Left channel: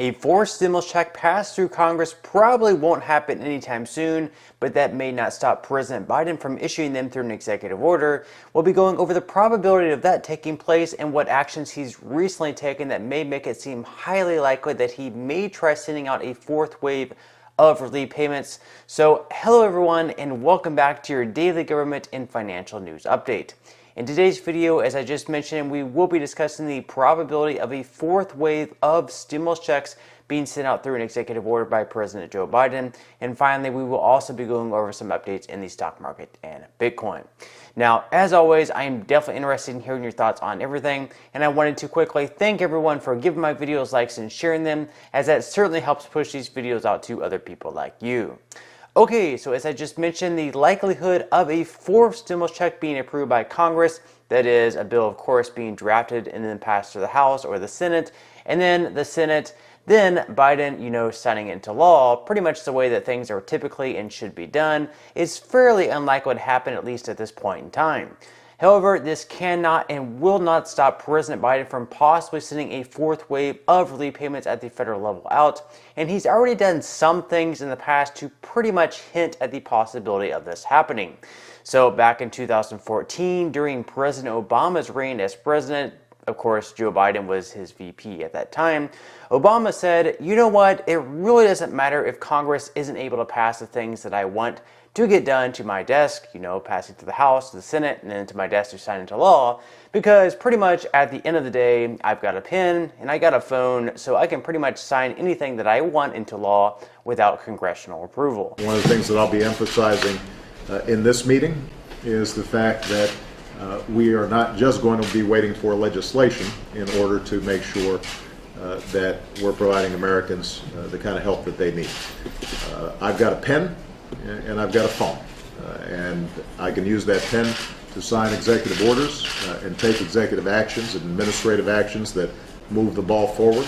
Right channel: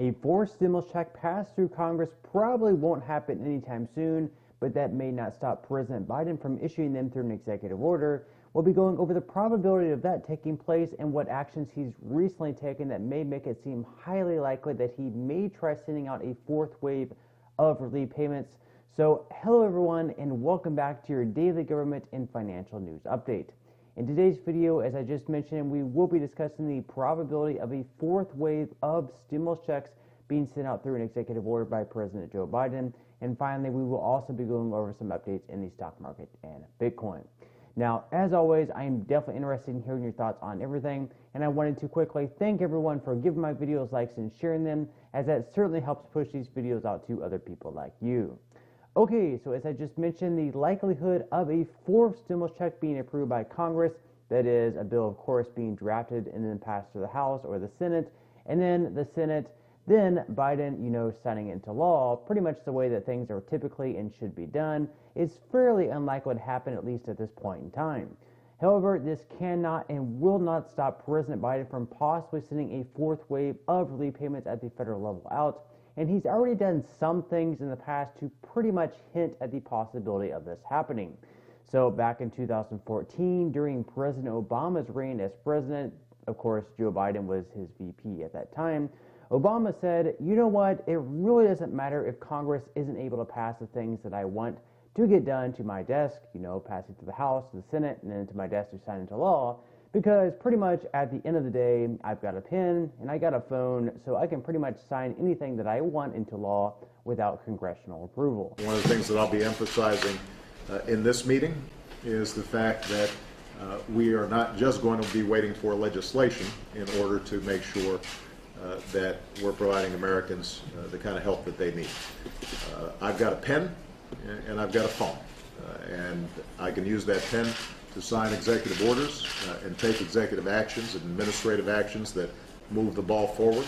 A forced stimulus check passed through Congress probably won't happen anytime soon, but that may not stop President Biden from issuing them through an executive order. We'll be going over the probability of that taking place and what actions he's recently taken that may make it seem highly likely that he may try sending out a fourth wave of relief payments. So hello everyone and welcome back to your daily government and financial news update. In today's video, as I just mentioned, we will be discussing the probability of a fourth wave of stimulus checks being sent out through an executive order by President Joe Biden. And finally, we will also be going over some updates in the stock market and Bitcoin. Now, as always, I am definitely interested in hearing your thoughts on everything, and I wanted to quickly thank everyone for giving my videos likes and sharing them, as that certainly helps push these videos out to other people like you. Okay, so as I just mentioned, the likelihood of a fourth stimulus check being approved by Congress, that is a bill of course being drafted and then passed through the House or the Senate, and then the Senate, then Biden, signing it into law, pretty much the way that things are typically and should be done, is fairly unlikely to happen, at least at this point in time. However, this cannot and will not stop President Biden from possibly sending a fourth wave of relief payments at the federal level out, and he's already done some things in the past to pretty much hint at the possibility of this happening. So back in 2014, during President Obama's reign as president, of course, Joe Biden was his VP at that time, Obama said, you know what, it really doesn't matter if Congress isn't able to pass the things that I want to get done to my desk, passing to the House, to the Senate, and then to my desk to sign into law, because pretty much at the end of the day, I've got a pen and I got a phone, so I can pretty much sign anything that I want into law without congressional approval. One of the things that I'll be emphasizing in this meeting is the fact that we are not just going to be waiting for legislation in order to make sure that we're providing Americans the kind of help that they need. I've got a pen and I've got a phone, and I can use that pen to sign executive orders and take executive actions and administrative actions that move the ball forward.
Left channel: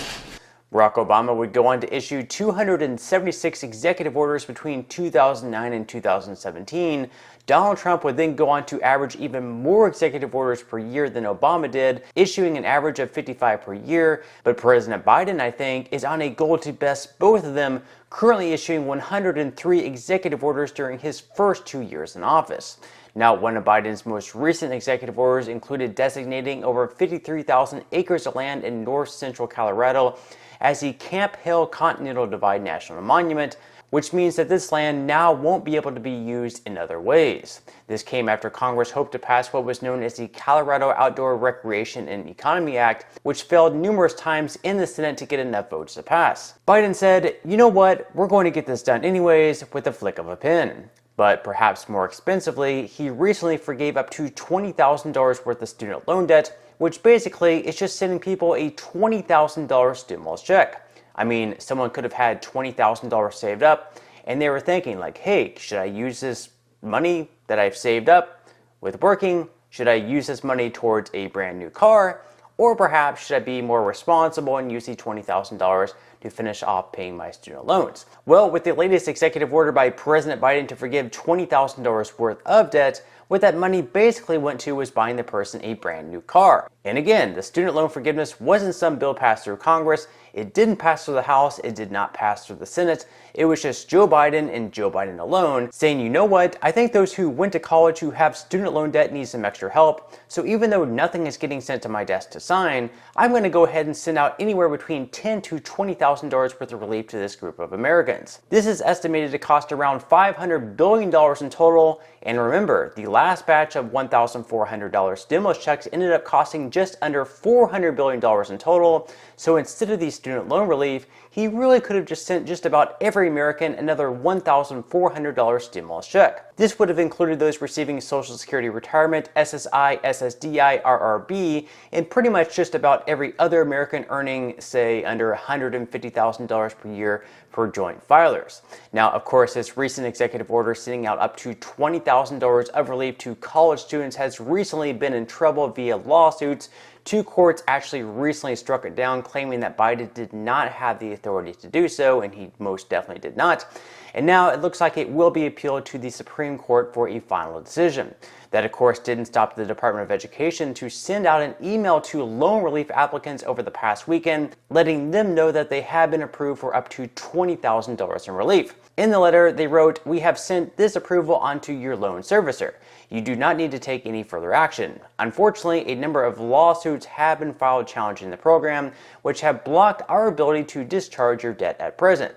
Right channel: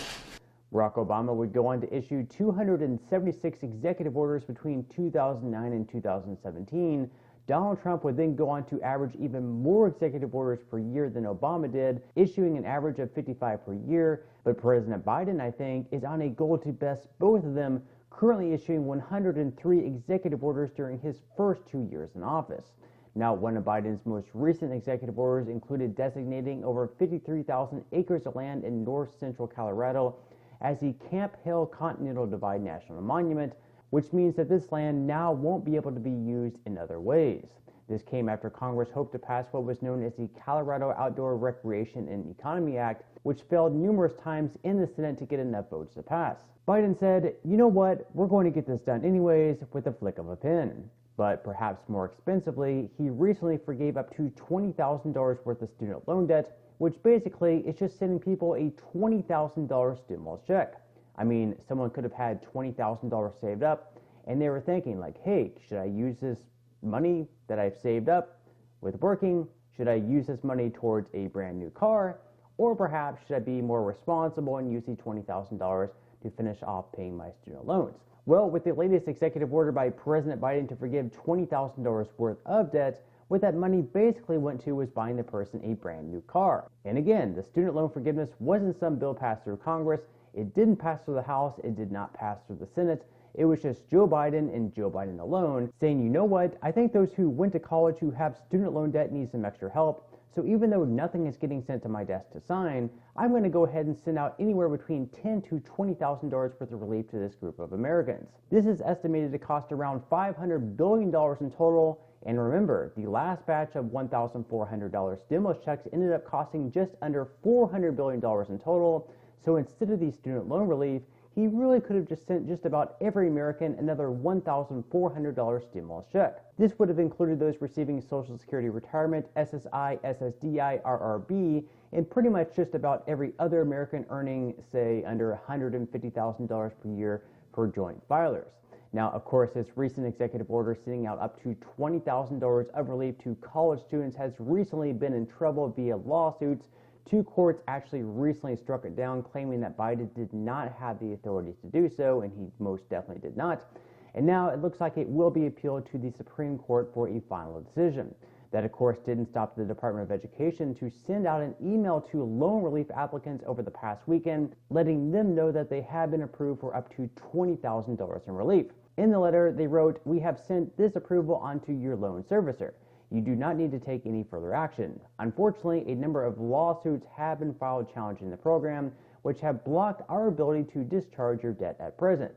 Barack Obama would go on to issue 276 executive orders between 2009 and 2017. Donald Trump would then go on to average even more executive orders per year than Obama did, issuing an average of 55 per year. But President Biden, I think, is on a goal to best both of them, currently issuing 103 executive orders during his first 2 years in office. Now, one of Biden's most recent executive orders included designating over 53,000 acres of land in north central Colorado as the Camp Hill Continental Divide National Monument, which means that this land now won't be able to be used in other ways. This came after Congress hoped to pass what was known as the Colorado Outdoor Recreation and Economy Act, which failed numerous times in the Senate to get enough votes to pass. Biden said, you know what, we're going to get this done anyways with the flick of a pen. But perhaps more expensively, he recently forgave up to $20,000 worth of student loan debt, which basically is just sending people a $20,000 stimulus check. I mean, someone could have had $20,000 saved up and they were thinking like, hey, should I use this money that I've saved up with working? Should I use this money towards a brand new car? Or perhaps should I be more responsible and use the $20,000 to finish off paying my student loans? Well, with the latest executive order by President Biden to forgive $20,000 worth of debt, what that money basically went to was buying the person a brand new car. And again, the student loan forgiveness wasn't some bill passed through Congress. It didn't pass through the House. It did not pass through the Senate. It was just Joe Biden and Joe Biden alone saying, you know what, I think those who went to college who have student loan debt need some extra help. So even though nothing is getting sent to my desk to sign, I'm going to go ahead and send out anywhere between $10,000 to $20,000 worth of relief to this group of Americans. This is estimated to cost around $500 billion in total. And remember, the last batch of $1,400 stimulus checks ended up costing just under $400 billion in total. So instead of the student loan relief, he really could have just sent just about every American another $1,400 stimulus check. This would have included those receiving Social Security retirement, SSI, SSDI, RRB, and pretty much just about every other American earning, say, under $150,000 per year for joint filers. Now, of course, this recent executive order sending out up to $20,000 of relief to college students has recently been in trouble via lawsuits. Two courts actually recently struck it down, claiming that Biden did not have the authority to do so, and he most definitely did not. And now it looks like it will be appealed to the Supreme Court for a final decision. That, of course, didn't stop the Department of Education to send out an email to loan relief applicants over the past weekend, letting them know that they have been approved for up to $20,000 in relief. In the letter, they wrote, "We have sent this approval onto your loan servicer. You do not need to take any further action. Unfortunately, a number of lawsuits have been filed challenging the program, which have blocked our ability to discharge your debt at present.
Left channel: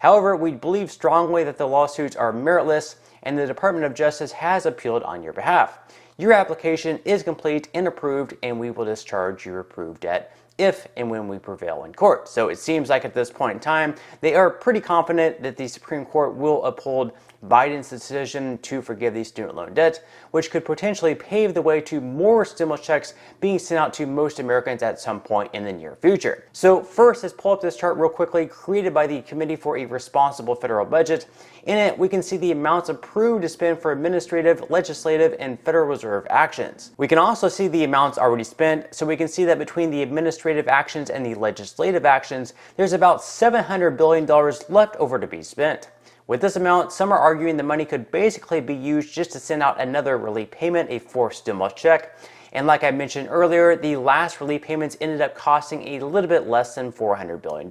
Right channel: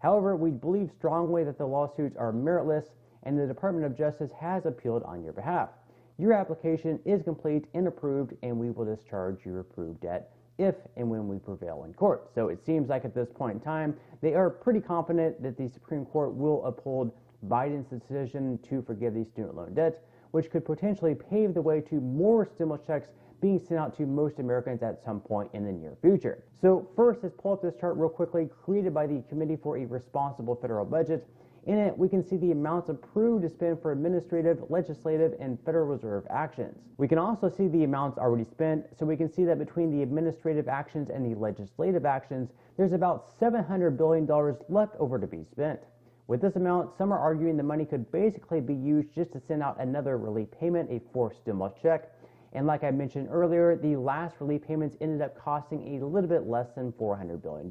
However, we believe strongly that the lawsuits are meritless, and the Department of Justice has appealed on your behalf. Your application is complete and approved, and we will discharge your approved debt if and when we prevail in court." So it seems like at this point in time, they are pretty confident that the Supreme Court will uphold Biden's decision to forgive the student loan debt, which could potentially pave the way to more stimulus checks being sent out to most Americans at some point in the near future. So first, let's pull up this chart real quickly, created by the Committee for a Responsible Federal Budget. In it, we can see the amounts approved to spend for administrative, legislative, and Federal Reserve actions. We can also see the amounts already spent, so we can see that between the administrative actions and the legislative actions, there's about $700 billion left over to be spent. With this amount, some are arguing the money could basically be used just to send out another relief payment, a fourth stimulus check. And like I mentioned earlier, the last relief payments ended up costing a little bit less than $400 billion.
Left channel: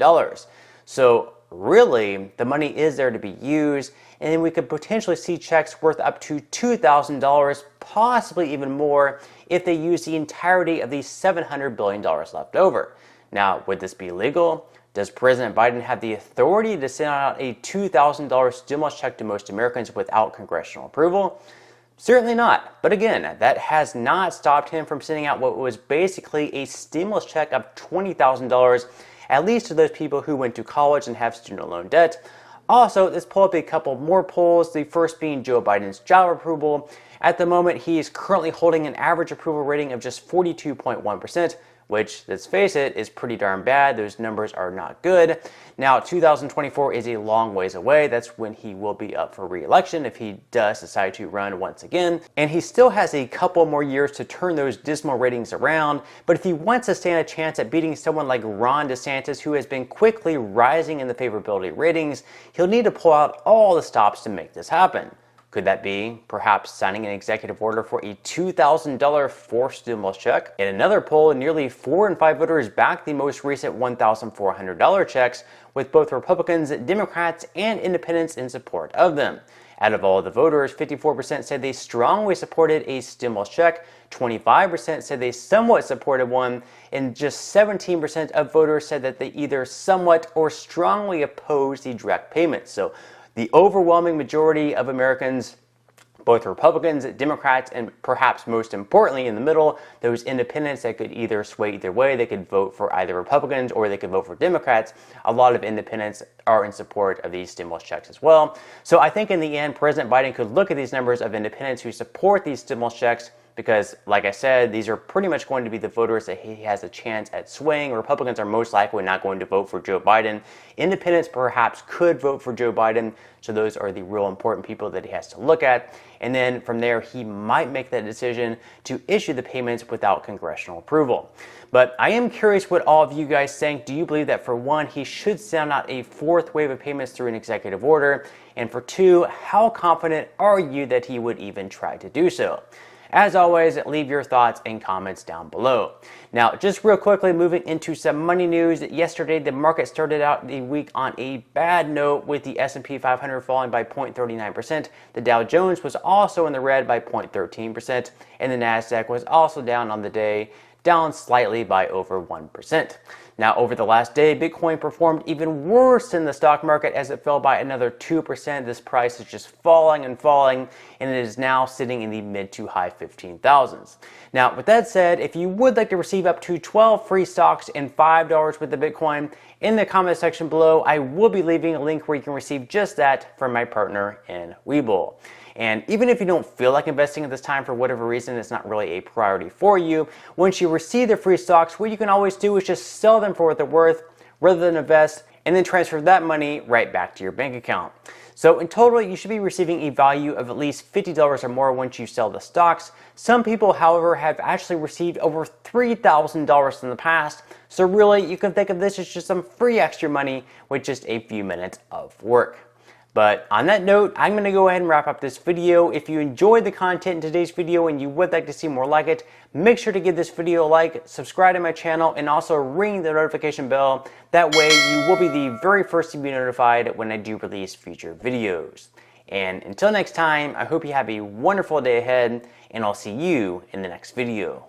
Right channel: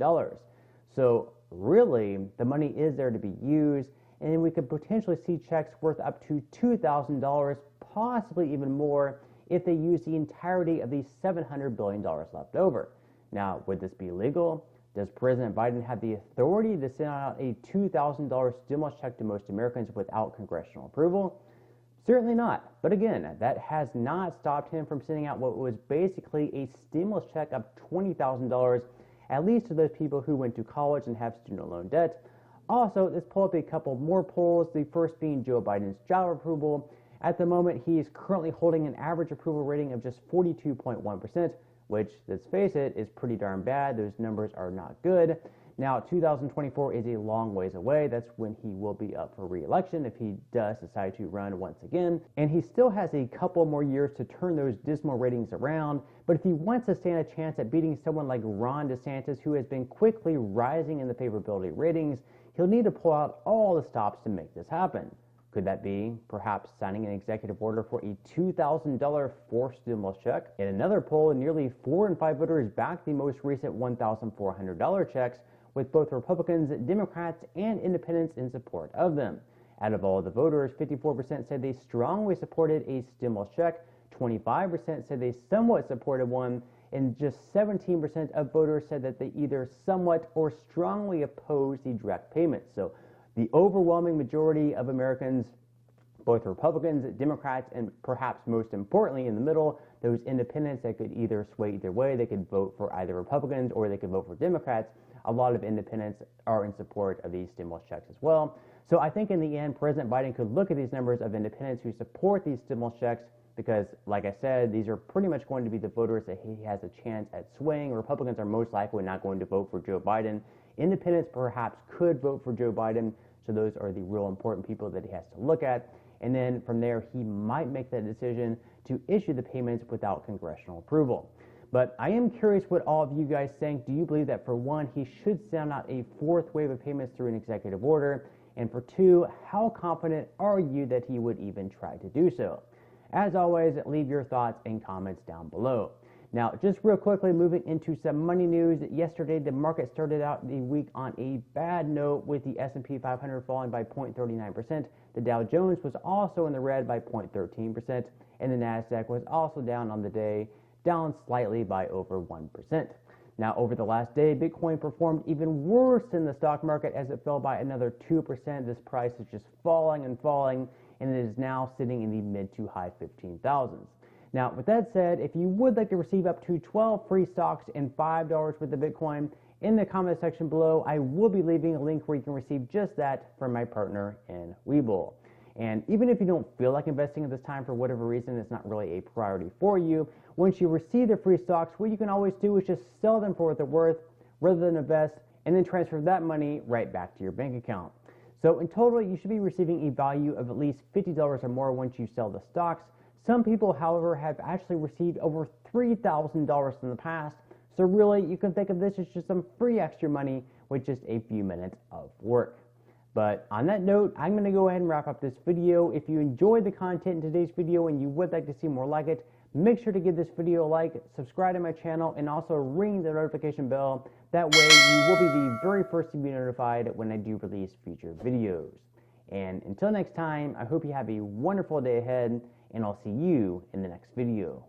So really, the money is there to be used, and then we could potentially see checks worth up to $2,000, possibly even more, if they use the entirety of the $700 billion left over. Now, would this be legal? Does President Biden have the authority to send out a $2,000 stimulus check to most Americans without congressional approval? Certainly not. But again, that has not stopped him from sending out what was basically a stimulus check of $20,000, at least to those people who went to college and have student loan debt. Also, let's pull up a couple more polls, the first being Joe Biden's job approval. At the moment, he is currently holding an average approval rating of just 42.1%, which, let's face it, is pretty darn bad. Those numbers are not good. Now, 2024 is a long ways away. That's when he will be up for re-election if he does decide to run once again. And he still has a couple more years to turn those dismal ratings around. But if he wants to stand a chance at beating someone like Ron DeSantis, who has been quickly rising in the favorability ratings, he'll need to pull out all the stops to make this happen. Could that be perhaps signing an executive order for a $2,000 forced stimulus check? In another poll, nearly 4 in 5 voters backed the most recent $1,400 checks, with both Republicans, Democrats, and independents in support of them. Out of all the voters, 54% said they strongly supported a stimulus check, 25% said they somewhat supported one, and just 17% of voters said that they either somewhat or strongly opposed the direct payments. So the overwhelming majority of Americans, both Republicans, Democrats, and perhaps most importantly in the middle, those independents that could either sway either way, they could vote for either Republicans or they could vote for Democrats. A lot of independents are in support of these stimulus checks as well. So I think in the end, President Biden could look at these numbers of independents who support these stimulus checks, because, like I said, these are pretty much going to be the voters that he has a chance at swaying. Republicans are most likely not going to vote for Joe Biden. Independents perhaps could vote for Joe Biden. So those are the real important people that he has to look at. And then from there, he might make that decision to issue the payments without congressional approval. But I am curious what all of you guys think. Do you believe that, for one, he should send out a fourth wave of payments through an executive order? And for two, how confident are you that he would even try to do so? As always, leave your thoughts and comments down below. Now, just real quickly, moving into some money news. Yesterday, the market started out the week on a bad note, with the S&P 500 falling by 0.39%. The Dow Jones was also in the red by 0.13%, and the Nasdaq was also down on the day, down slightly by over 1%. Now, over the last day, Bitcoin performed even worse than the stock market as it fell by another 2%. This price is just falling and falling, and it is now sitting in the mid to high 15,000s. Now, with that said, if you would like to receive up to 12 free stocks and $5 with the Bitcoin, in the comment section below, I will be leaving a link where you can receive just that from my partner in Webull. And even if you don't feel like investing at this time for whatever reason, it's not really a priority for you, once you receive the free stocks, what you can always do is just sell them for what they're worth rather than invest, and then transfer that money right back to your bank account. So in total, you should be receiving a value of at least $50 or more once you sell the stocks. Some people, however, have actually received over $3,000 in the past. So really, you can think of this as just some free extra money with just a few minutes of work. But on that note, I'm going to go ahead and wrap up this video. If you enjoyed the content in today's video and you would like to see more like it, make sure to give this video a like, subscribe to my channel, and also ring the notification bell. That way you will be the very first to be notified when I do release future videos. And until next time, I hope you have a wonderful day ahead, and I'll see you in the next video.